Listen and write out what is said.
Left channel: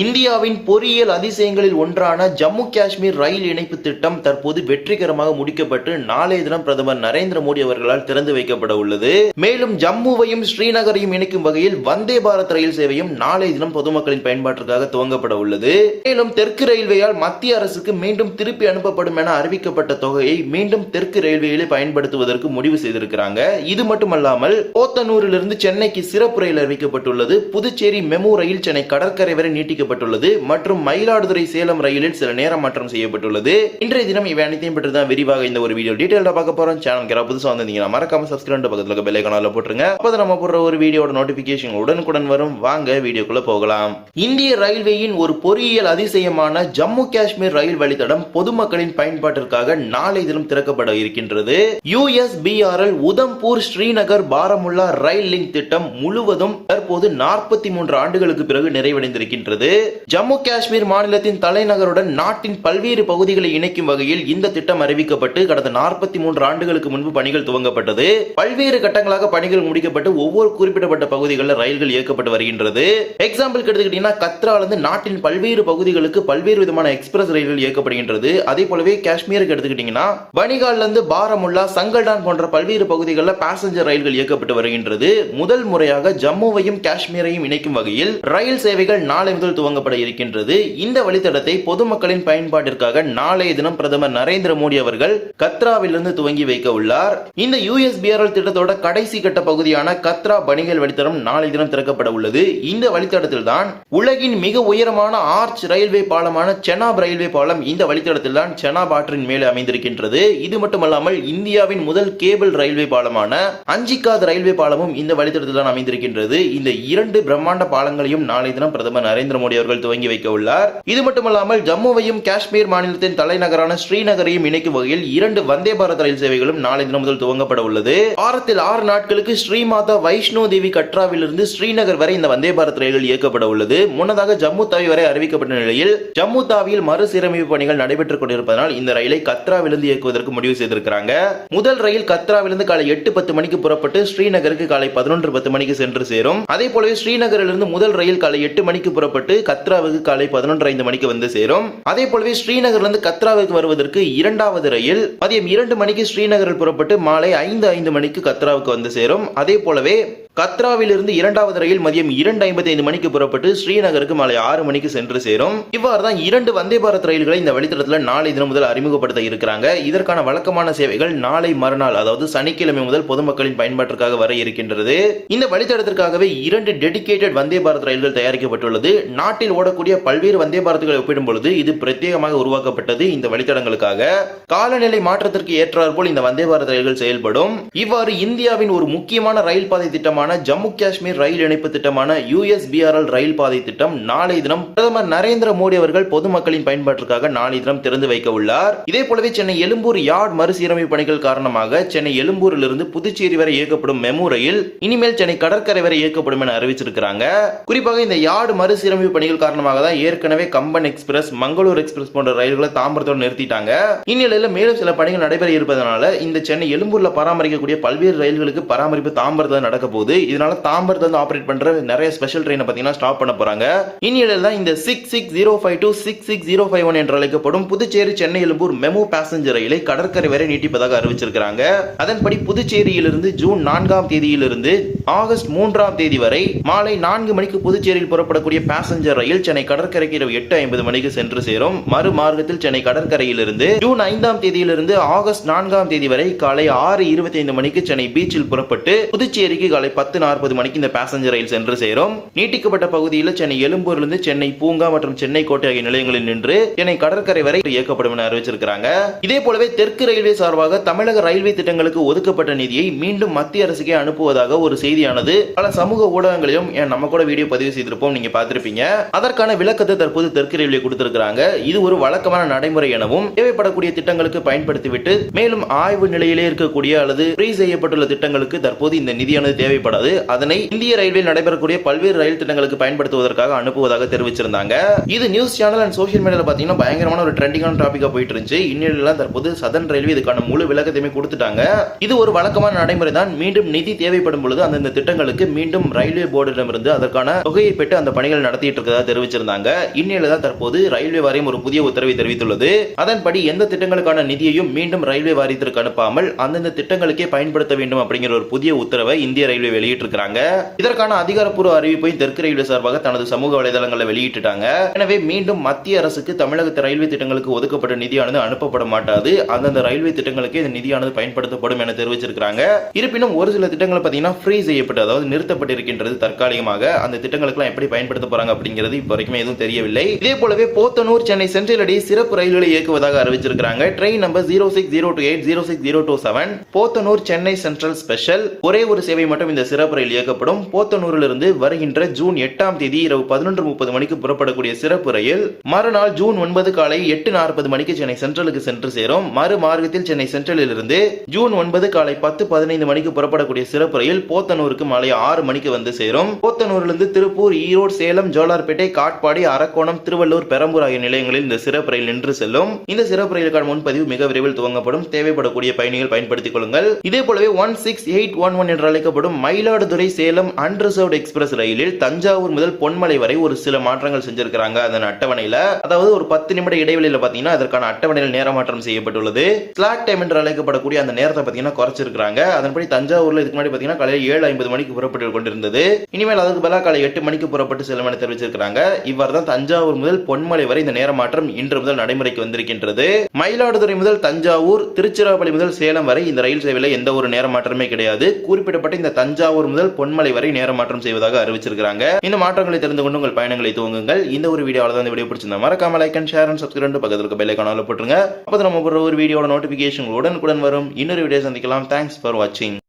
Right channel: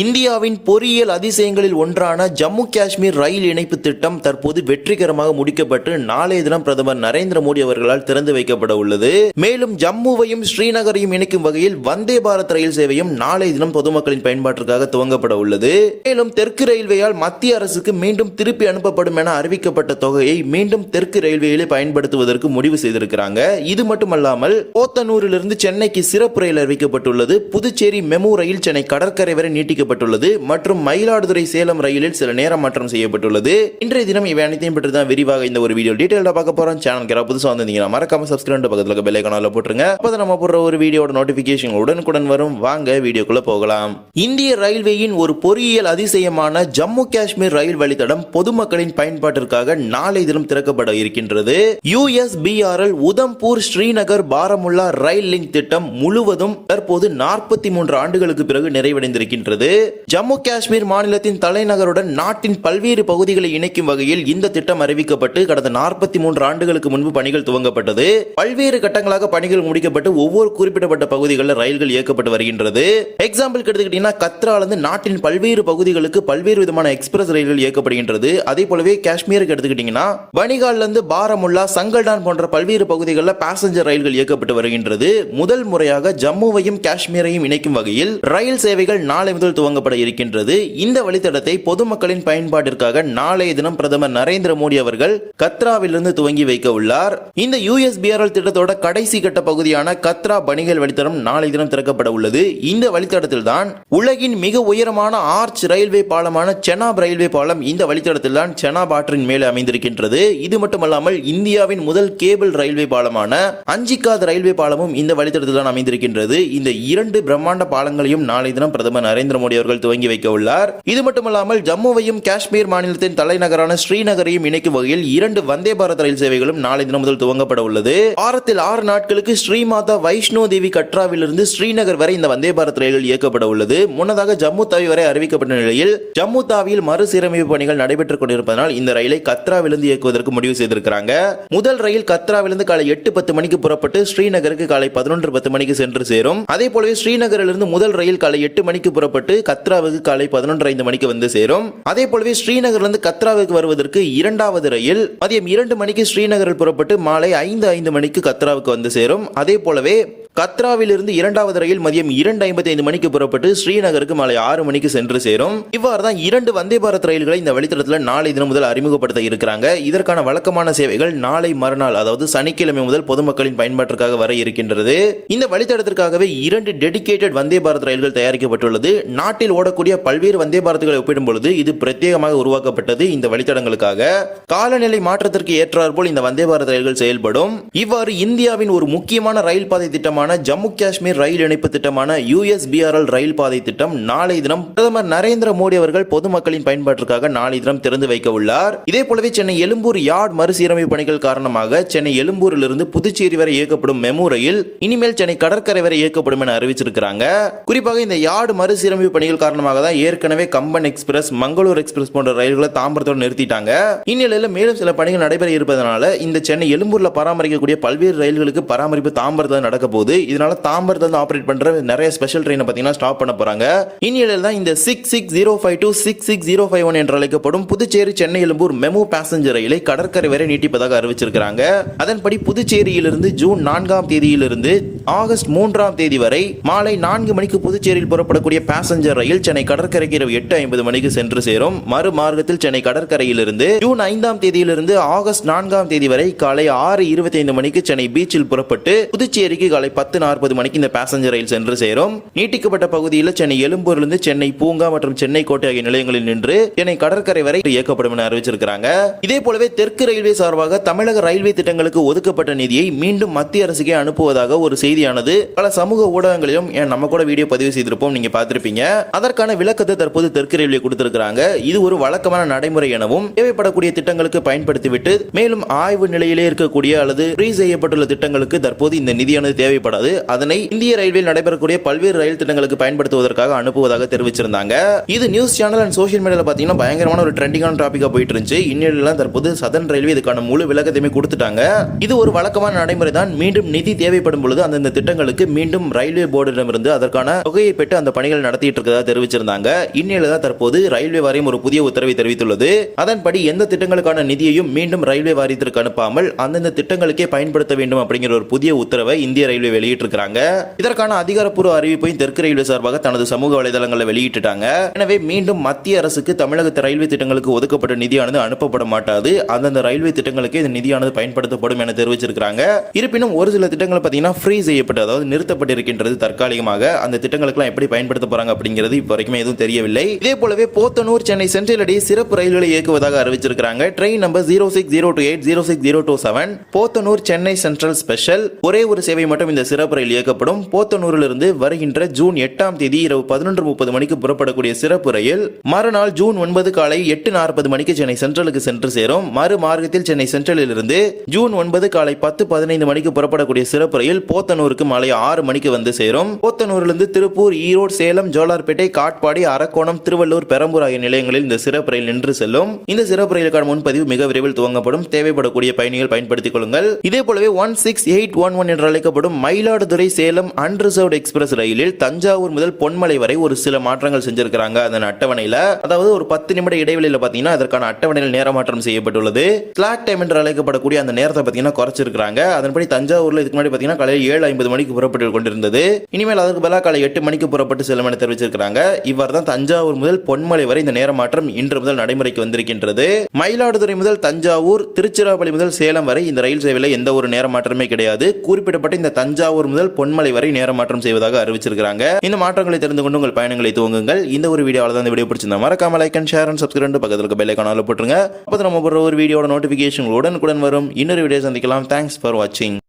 இந்தியாவின் பொறியியல் அதிசயங்களில் ஒன்றான ஜம்மு காஷ்மீர் ரயில் இணைப்பு திட்டம் தற்போது வெற்றிகரமாக முடிக்கப்பட்டு நாளைய தினம் பிரதமர் நரேந்திர மோடி அவர்களால் திறந்து வைக்கப்பட உள்ளது. மேலும் ஜம்முவையும் ஸ்ரீநகரையும் இணைக்கும் வகையில் வந்தே பாரத் ரயில் சேவையும் நாளைய தினம் பொதுமக்களின் பயன்பாட்டிற்காக துவங்கப்பட உள்ளது. மேலும் தெற்கு ரயில்வேயால் மத்திய அரசுக்கு மீண்டும் திருப்பி அனுப்பப்படும் என அறிவிக்கப்பட்ட தொகையை மீண்டும் தெற்கு ரயில்வேயிலே பயன்படுத்துவதற்கு முடிவு செய்திருக்கிறாங்க. இது மட்டுமல்லாமல் போத்தனூரிலிருந்து சென்னைக்கு சிறப்பு ரயில் அறிவிக்கப்பட்டுள்ளது. புதுச்சேரி மெமு ரயில் சென்னை கடற்கரை வரை அறிவிக்கப்பட்டுள்ளது மற்றும் மயிலாடுதுறை சேலம் ரயிலில் சில நேரம் மாற்றம் செய்யப்பட்டுள்ளது. இன்றைய தினம் இவை அனைத்தையும் பற்றி தான் விரிவாக இந்த ஒரு வீடியோ டீடைல்டா பார்க்க போறோம். சேனல் யாராவது புதுசாக வந்திருந்தீங்கன்னா மறக்காம சப்ஸ்கிரைப் பக்கத்துல பெல் ஐகானில் போட்டுருங்க. அப்போ நம்ம போடுற ஒரு வீடியோட நோட்டிபிகேஷன் உடனுக்குடன் வரும். வாங்க வீடியோக்குள்ள போகலாம். இந்திய ரயில்வேயின் ஒரு பொறியியல் அதிசயமான ஜம்மு காஷ்மீர் ரயில் வழித்தடம் பொதுமக்களின் பயன்பாட்டிற்காக நாளை தினம் திறக்கப்பட இருக்கின்றது. USBRL Udhampur Srinagar Baramulla rail link திட்டம் முழுவதும் தற்போது நாற்பத்தி மூன்று ஆண்டுகளுக்கு பிறகு நிறைவடைந்திருக்கின்றது. ஜம்மு காஷ்மீர் மாநிலத்தின் தலைநகருடன் நாட்டின் பல்வேறு பகுதிகளை இணைக்கும் வகையில் இந்த திட்டம் அறிவிக்கப்பட்டு கடந்த நாற்பத்தி மூன்று ஆண்டுகளுக்கு முன்பு பணிகள் துவங்கப்பட்டது. பல்வேறு கட்டங்களாக பணிகள் முடிக்கப்பட்டு ஒவ்வொரு குறிப்பிடப்பட்ட பகுதிகளில் ரயில்கள் இயக்கப்பட்டு வருகின்றது. எக்ஸாம்பிள் எடுத்துக்கிட்டீங்கன்னா கத்ராலிருந்து நாட்டின் பல்வேறு பகுதிகளுக்கு பல்வேறு விதமான எக்ஸ்பிரஸ் ரயில்கள் இயக்கப்படுகின்றது. அதே போலவே காஷ்மீருக்கு எடுத்துக்கிட்டீங்கன்னா பனிகால்ல இருந்து பாரமுல்லா சங்கல்டான் போன்ற பல்வேறு பகுதிகளில் பேசஞ்சர் ரயில்கள் இயக்கப்பட்டு வருகின்றது. முதல் முறையாக ஜம்முவையும் காஷ்மீரையும் இணைக்கும் வகையில் ரயில் சேவைகள் நாளை முதல் துவங்கப்பட இருக்கின்றது இந்த வழித்தடத்தை பொதுமக்களின் பயன்பாட்டிற்காக நாளைய தினம் பிரதமர் நரேந்திர மோடி அவர்கள் கத்ராவிலிருந்து துவங்கி வைக்க உள்ளார். இந்த யூஎஸ்பிஆர்எல் திட்டத்தோட கடைசி கட்ட பகுதியான கத்ரா பணிகள் வழித்தடம் நாளை தினம் திறக்கப்பட உள்ளது. இந்த வழித்தடத்தில் தான் உலகின் மிக உயரமான ஆர்ச் ரயில்வே பாலமான செனாப் ரயில்வே பாலம் இந்த வழித்தடத்தில் தான் செனாப் ஆற்றின் மேலே அமைந்திருக்கின்றது. இது மட்டுமல்லாமல் இந்தியாவின் முதல் கேபிள் ரயில்வே பாலமான அஞ்சிக்காத் ரயில்வே பாலமும் இந்த வழித்தடத்தில் தான் அமைந்திருக்கின்றது. இந்த இரண்டு பிரம்மாண்ட பாலங்களையும் நாளை தினம் பிரதமர் நரேந்திர மோடி அவர்கள் துவங்கி வைக்க உள்ளார். இது மட்டுமல்லாமல் ஜம்முவையும் காஷ்மீர் மாநிலத்தின் தலைநகரான ஸ்ரீநகரையும் இணைக்கும் வகையில் இரண்டு வந்தே பாரத் ரயில் சேவைகளும் நாளை தினம் முதல் துவங்கப்பட உள்ளது. வாரத்தில் ஆறு நாட்களுக்கு ஸ்ரீமாதா வைஷ்ணோ தேவி கட்ராவிலிருந்து ஸ்ரீநகர் வரை இந்த வந்தே பாரத் ரயில்கள் இயக்கப்பட உள்ளது. முன்னதாக ஜம்மு தாவி வரை அறிவிக்கப்பட்ட நிலையில் ஜம்மு தாவியில் மறுசீரமைப்பு பணிகள் நடைபெற்றுக் கொண்டிருப்பதனால் இந்த ரயிலை கத்ராவிலிருந்து இயக்குவதற்கு முடிவு செய்திருக்கிறாங்க. முதல் ரயில் கத்ராவிலிருந்து காலை எட்டு பத்து மணிக்கு புறப்பட்டு ஸ்ரீநகருக்கு காலை பதினொன்று பத்து மணிக்கு சென்று சேரும். அதே போலவே ஸ்ரீநகரிலிருந்து முதல் ரயில் காலை எட்டு மணிக்கு புறப்பட்டு கத்ராவுக்கு காலை பதினொன்று ஐந்து மணிக்கு வந்து சேரும். அதே போலவே ஸ்ரீநகர்லேருந்து கத்ராவுக்கு வருவதற்கு இரண்டாவது ரயில். மதியம் இரண்டு மணிக்கு ஸ்ரீநகரில் புறப்பட்டு மாலை ஐந்து ஐந்து மணிக்கு கத்ராவுக்கு வந்து சேரும். அதே போலவே கத்ராவிலிருந்து இரண்டாவது ரயில் மதியம் இரண்டு ஐம்பத்தி ஐந்து மணிக்கு புறப்பட்டு ஸ்ரீநகருக்கு மாலை ஆறு மணிக்கு சென்று சேரும். இவ்வாறு தான் இரண்டு வந்தே பாரத் ரயில்களை இந்த வழித்தடத்தில் நாளை தினம் முதல் அறிமுகப்படுத்த இருக்கிறாங்க. இதற்கான வழக்கமான சேவைகள் நாளை மறுநாள் அதாவது சனிக்கிழமை முதல் பொதுமக்களின் பயன்பாட்டிற்காக வர இருக்கின்றது. இந்த வழித்தடத்திற்காகவே இரண்டு டெடிகேட்டட் வந்தே பாரத் ரயில்கள் தயாரிக்கப்பட்டுள்ளது. நாட்டில் ஓடக்கூடிய பல்வேறு வந்தே பாரத்களை ஒப்பிடும் பொழுது இது பிரத்யேகமாக உருவாக்கப்பட்டது இந்த வழித்தடங்களுக்காக. காலநிலை மாற்றத்திற்கு ஏற்றாற்போல் இந்த வந்தே பாரத் ரயில்கள் செயல்படும். இவ்வாறு இந்தியாவின் ஒரு முக்கியமான ரயில் பாதை திட்டமான ஜம்மு காஷ்மீர் ரயில் இணைப்பு திட்டமான யுஎஸ்பிஆர்எல் ரயில் பாதை திட்டம் நாளை தினம் பிரதமர் நரேந்திர மோடி அவர்கள் பொதுமக்களின் பயன்பாட்டிற்காக நாளை தினம் திறந்து வைக்க உள்ளார். இதே போலவே சென்னை எழும்பூர் யார்ட் மறுசீரமைப்பு பணிகள் காரணமாக சென்னை எழும்பூரிலிருந்து புதுச்சேரி வரை இயக்கப்படும் மெமு ரயில் இனிமேல் சென்னை கடற்கரை வரை இயக்கப்படும் என அறிவிச்சிருக்கிறாங்க. குறிப்பாக இந்த யார்டு மறுசீரமைப்பு பணிகள் காரணமாக தான் ஏற்கனவே கம்பன் எக்ஸ்பிரஸ் மங்களூர் எக்ஸ்பிரஸ் போன்ற ரயில்களை தாம்பரத்தோடு நிறுத்திட்டாங்க. இந்நிலையில் மேலும் சில பணிகள் நடைபெற இருப்பதனால இந்த சென்னை எழும்பூர்ல பராமரிக்கக்கூடிய பல்வேறு ரயில்களுக்கு பராமரிப்பு தாம்பரத்தில் நடக்க போகுது இதனால தாம்பரத்தில் வந்து ஆபரேட் பண்ற நிறைய ஸ்பெஷல் ட்ரெயினை பார்த்தீங்கன்னா ஸ்டாப் பண்ண போறாங்க. இந்நிலையில் தான் இந்த six six zero five two six six zero five one என்று அழைக்கப்படும் புதுச்சேரி சென்னை எழும்பூர் மெமு பேசஞ்சர் ரயிலை கடற்கரை வரை நீட்டிப்பதாக அறிவிச்சிருக்கிறாங்க. அதன்படி புதுச்சேரியிலிருந்து ஜூன் நான்காம் தேதியிலிருந்து ஆகஸ்ட் மூன்றாம் தேதி வரை மாலை நான்கு மணிக்கு புதுச்சேரியில் புறப்படக்கூடிய பேசஞ்சர் ரயில் சென்னை கடற்கரைக்கு இரவு எட்டு ஐம்பது மணிக்கு சென்று சேரும். மறு மார்க்கத்தில் சென்னை கடற்கரையிலிருந்து ஜூன் ஐந்தாம் தேதியிலிருந்து ஆகஸ்ட் நான்காம் தேதி வரை காலை ஆறு இருபத்தி ஐந்து மணிக்கு சென்னை பீச்சில் புறப்பட்டு புதுச்சேரிக்கு காலை பத்து பத்து நாற்பது மணிக்கு இந்த பேசஞ்சர் ரயில் சென்று சேரும். நீட்டிக்கப்பட்ட பகுதியில் சென்னை எழும்பூரிலிருந்து சென்னை பூங்கா மற்றும் சென்னை கோட்டை ஆகிய நிலையங்களில் நின்று சென்னை கடற்கரை வரை இயக்கப்படும் என அறிவிச்சிருக்கிறாங்க. இதே போலவே தெற்கு ரயில்வே சார்பாக தமிழக ரயில்வே திட்டங்களுக்கு ஒதுக்கப்பட்ட நிதியை மீண்டும் மத்திய அரசுக்கே அனுப்புவதாக ஒரு செய்தியானது. பல சமூக ஊடகங்களிலும் ஏன் நம்ம கூட வீடியோ பதிவு செய்திருப்போம் நீங்க பார்த்திருப்பீங்க. அதற்கான விளக்கத்தை தற்போது தெற்கு ரயில்வே கொடுத்திருக்கிறாங்க. இது ஒரு வழக்கமான நடைமுறை எனவும் தேவைப்படக்கூடிய திட்டங்களுக்கு பயன்படுத்திவிட்டு மேலும் ஆய்வு நிலையிலே இருக்கக்கூடிய அல்லது ஃப்ரீ செய்யப்பட்டுள்ள திட்டங்களுக்கு தற்போது இந்த நிதியானது தேவைப்படும் ஏற்படாது. அதனை இந்திய ரயில்வேயில் நடைபெறக்கூடிய பல்வேறு ரயில் திட்டங்களுக்கு பயன்படுத்துவதற்காக அனுப்புவதாக தெரிவிச்சிருந்தாங்க. இது நியூஸ் சேனல் அண்ட் சோஷியல் மீடியாவில் பார்த்தீங்கன்னா பயங்கரமான ஒரு ட்ரெண்டிங்கான டாப்பிக்காக போயிட்டு இருந்துச்சு இன்னிலாம் தற்போது சதன் ரயில்வே இதுக்கான முழு விளக்கத்தையுமே கொடுத்துட்டாங்க. இது ஒரு வழக்கமான நடைமுறை தான் மீண்டும் நிதி தேவைப்படும் பொழுது அந்தந்த திட்டங்களுக்கு மீண்டும் ரயில்வே போர்டிடமிருந்து அதற்கான தொகையை பெற்று அந்த பணிகள் நடத்திட்டு இருக்கதா தெரிவிச்சிருந்தாங்க. இந்நிலையில தான் தற்போது ரயில்வே வாரியம் ஒரு புதிய உத்தரவை தெரிவித்துள்ளது. அதன்படி எந்த திட்டங்களுக்கான நிதியையும் மீண்டும் ரயில்வே வாரியத்திற்கு அனுப்பாமல் அந்தந்த திட்டங்களுக்கே பயன்படுத்த வேண்டும் அப்படிங்கிற ஒரு புதிய உத்தரவை இந்திய ரயில்வே வெளியிட்டிருக்கிறாங்க. இதற்கான அதிகாரப்பூர்வ அறிவிப்பையும் தெற்கு ரயில்வே சார்பாக தனது சமூக வலைதளங்களில் வெளியிட்டுட்டாங்க. எனவே மீண்டும் மத்திய அரசுக்கு தமிழகத்து ரயில்வே திட்டங்களுக்கு ஒதுக்கப்பட்ட நிதியானது அனுப்பப்பட மாட்டாது. அந்தந்த ரயில்வே திட்டங்களுக்கு இந்த நிதியானது பயன்படுத்தப்படும் என தெரிவிச்சிருக்காங்க இருப்பினும் ஒரு சில திட்டங்கள் பார்த்தீங்கன்னா ஃப்ரீ செய்யப்பட்டு அதாவது நிறுத்தப்பட்டிருக்கின்றது தற்காலிகமாக. அந்த திட்டங்களுக்கெல்லாம் எப்படி பயன்படுத்த போறாங்க அப்படிங்கிறது இப்போ வரைக்கும் எதுவும் தெரியவில்லை. இதே போலவே போத்தனூர் சென்னை சென்ட்ரல் அடி சிறப்பு ரயில்களை இயக்குவதாக அறிவிச்சிருக்காங்க train number zero six zero two eight zero six zero two seven Podanur Chennai central special. ஒரே ஒரு சேவை மட்டும் இந்த சிறப்பு ரயில் இயக்கப்படும் போத்தனூரிலிருந்து வருகின்ற ஜூன் எட்டாம் தேதி இரவு பதினொன்று முப்பது மணிக்கு புறப்படக்கூடிய சிறப்பு ரயில் மறுநாள் ஜூன் ஒன்பது காலை எட்டு நாற்பது மணிக்கு சென்னை சென்ட்ரலுக்கு சென்று சேரும். மறு மார்க்கத்தில் சென்னை சென்ட்ரலில் இருந்து ஜூன் ஒன்பது காலை பத்து பதினைந்து மணிக்கு புறப்படக்கூடிய சிறப்பு ரயில் போத்தனூருக்கு மாலை ஆறு மணிக்கு வந்து சேரும். போத்தனூரிலிருந்து திருப்பூர் ஈரோடு சேலம் ஜோலார்பேட்டை காட்பாடி அரக்கோணம் திருவள்ளூர் பெரம்பூர் ஆகிய நிலையங்களில் இந்த சிறப்பு ரயில் நின்று செல்லும். இந்த சிறப்பு ரயிலுக்கான முன்பதிவு மிக விரைவில் துவங்கப்படும். தேவைப்படக்கூடிய பயணிகள் பயன்படுத்திக் கொள்ளுங்கள். இதே போலவே one six eight one one என்று அழைக்கப்படும் மயிலாடுதுறை சேலம் அன்ரிசர்வ்ட் எக்ஸ்பிரஸ் ரயிலில் தஞ்சாவூர் முதல் பொன்மலை வரை ஒரு சில மாற்றங்கள் செஞ்சிருக்கிறாங்க. அதன் அட்டவணையில அதாவது ஒரு பத்து நிமிட இடைவெளியில் பாத்தீங்கன்னா அதற்கான அட்டவணையில் நேர மாற்றம் செய்யப்பட்டுள்ளது. ஸ்லாக் டைம் என்று அழைக்கப்படக்கூடிய அந்த நேரத்தை பாத்தீங்கன்னா குறைச்சிருக்காங்க அதன்படி தஞ்சாவூர்ல இதுக்கு முன்னாடி பாத்தீங்கன்னா காலையில் ஏழு ஐம்பது மணிக்கு புறப்பட்டு கொண்டிருந்தது. இனிமேல் அதுக்கு பதிலாக காலை எட்டு மணிக்கு புறப்பட்டு செல்லும் என தெரிவிச்சிருக்காங்க இவ்வாறு தான் தஞ்சாவூர் முதல் பொன்மலை வரை இந்த நேர மாற்றம் இன்று முதல் நடைமுறைக்கு வந்திருக்கின்றது. மயிலாடுதுறை முதல் தஞ்சாவூர் திருச்சிராப்பள்ளி முதல் சேலம் வரை இந்த ரயில் சேவையில் எந்த ஒரு நேர மாற்றமே கிடையாது. குறிப்பிடப்பட்ட இந்த தஞ்சாவூர் முதல் பொன்மலை வரை நேர மாற்றம் செய்வதாக அறிவிச்சிருக்காங்க இந்த மாற்றங்களை தெரிந்து கொண்டு உங்கள் பயணங்களை துவங்குங்கள். இந்த ஒரு வீடியோவில் தான் இந்த வீடியோ பிடிச்சிருந்தா மறக்காம like and share and subscribe பக்கத்தில் இருக்க பெல் ஐக்கான போட்டுருங்க. அப்போ நம்ம போடுற ஒரு வீடியோட நோட்டிஃபிகேஷன் உடனுக்குடன் வரும். இன்னொரு வீடியோ சந்திக்கலாம். தேங்க்ஸ் ஃபார் வாட்சிங்